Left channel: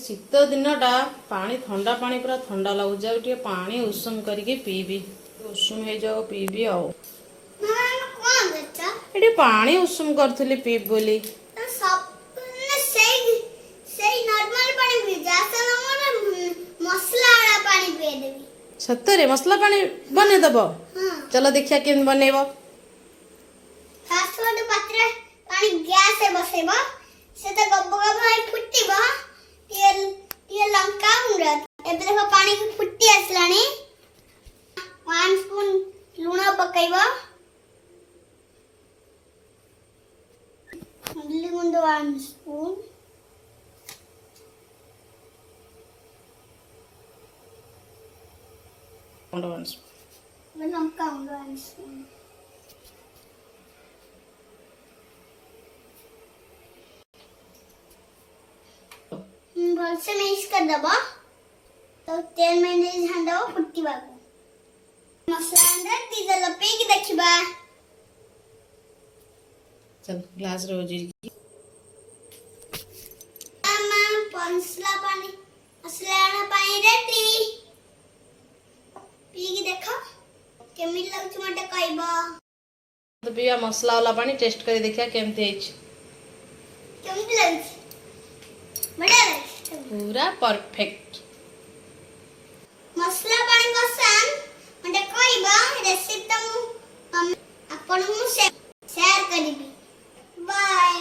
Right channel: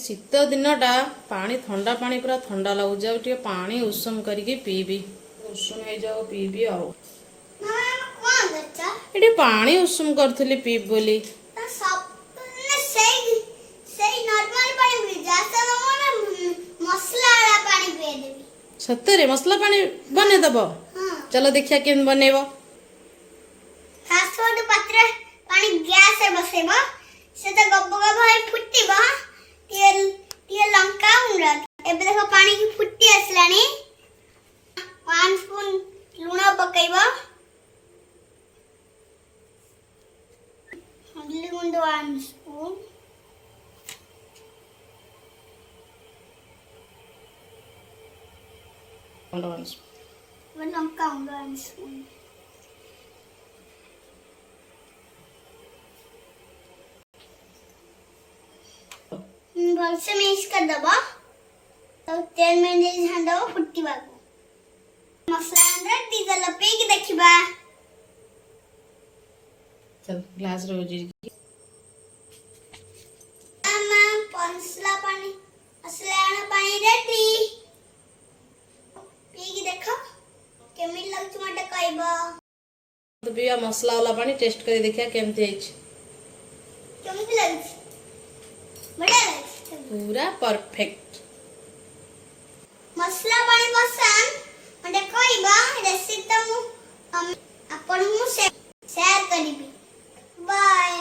शीत दिनटा पानी ठंडा पानी पूरा ठंडा लगुच पानी उषुम करके पीबी उषुम हो जाओ पीबी ये पानी उषुम करी पीब बोली सतरे मसला पानी बने दब चलो देखिया केन बनेब पानी गैस बसेब से तो गब गब होई फुटिबो टे लंका गुंडा एबे देखो पानी की फुटी आसलानी 1 स्पून लूण पकाइबो हल्दी गुंड 1 स्पून लंका गुंड 1 स्पून भलसे मिक्स कर दबो तो तेल में दे छान दबो फुट्टीबा को मसला अंदर डीजल पेगी देखिबा चल ग्लास रे होजी मामा पंसला पानी असलाना पानी रेडी पीगी देखो केमी लागछ मटे कहबो तो बिया मसला वाला पानी टेस्ट करी देखिया केमती आइछ केमती लागछ बढ़िया पूरा परफेक्ट मसला पानी पसंद मते कहबा रेसिपी त मु अपन मु शेयर करिबी बाय।